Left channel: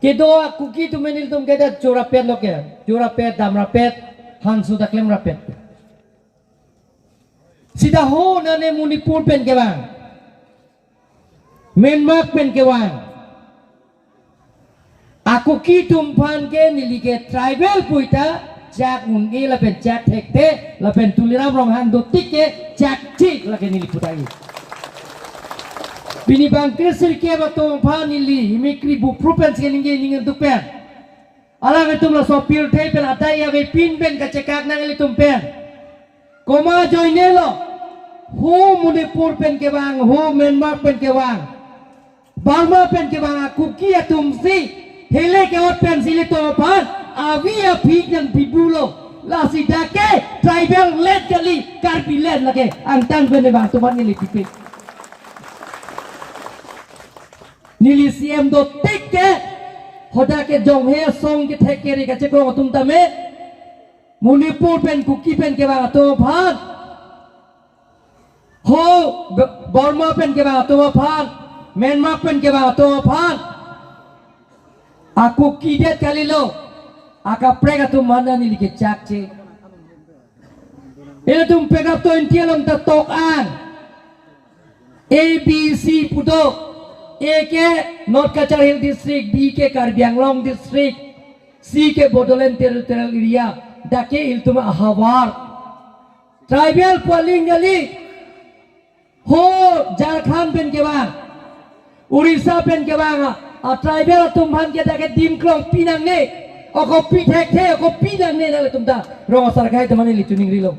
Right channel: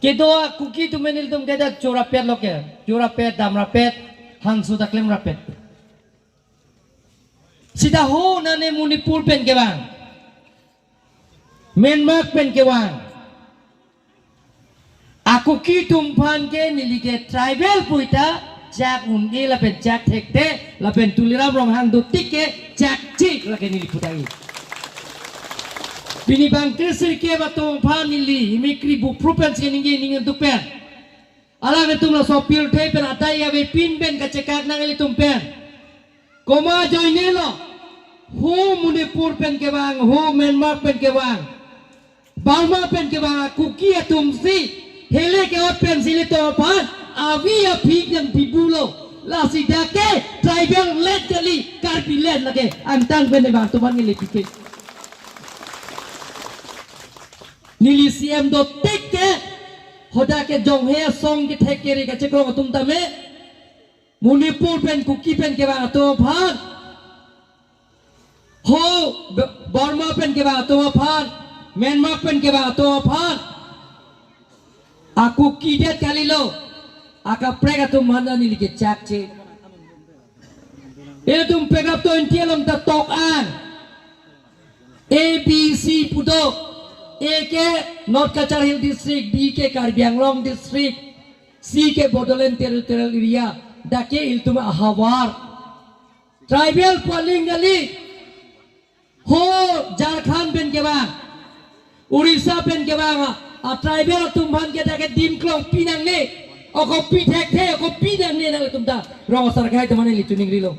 Kedo kuki tu menil tum keda curapet lo ke, curapet dam rapet, hangsu taklem rapet. Sida ho nane Manipur pen ke bang, Myanmar pen ke bang. Aku ki tumpan ke nili ke tribal puita, jak ungi la pen jak thekte, la pen tuliram romhan dutik ke jak cik la ke nili putagi. Bini bang krisir ke batum pan nili himikri bu province ke ningi ningi tupen. Alang itum la sopil te pen atai ya be pin ben kacekak nang li tumpen. Koma join lo. Ho Manipur pen ke bang, ho Myanmar pen ke bang. Burma pen ke bang kuki atum si hele ke pen sili to pan avi a phik yang bibulo. La si dake tribal let kali karpi let lage antang pen bang tuman nili pikir. Nili CM do tik ke hoda ke jong he song ke thek ke re ka chekro tum tame Manipur pen kuki pen ke bang to phan ho Burma pen ke bang to phan Myanmar pen ke bang to phan aku kidet kali lo aka prega tum mana nili ke chak che ele tum pega to intialong ta tok an ABC puto A के North Kachar Hill District, B के Karbi Anglong District, C के Bodoland Territorial Area, D के Iltuma Ahawar. Tribal polling jali, ho Jharkhand pen ke bang, Orissa pen ke bang, a tribal tumhan ke dake dimklong pinang ne, oko pi thek the, oko pinang ne nale tumta, rong sarkai tumane li tuning rilo.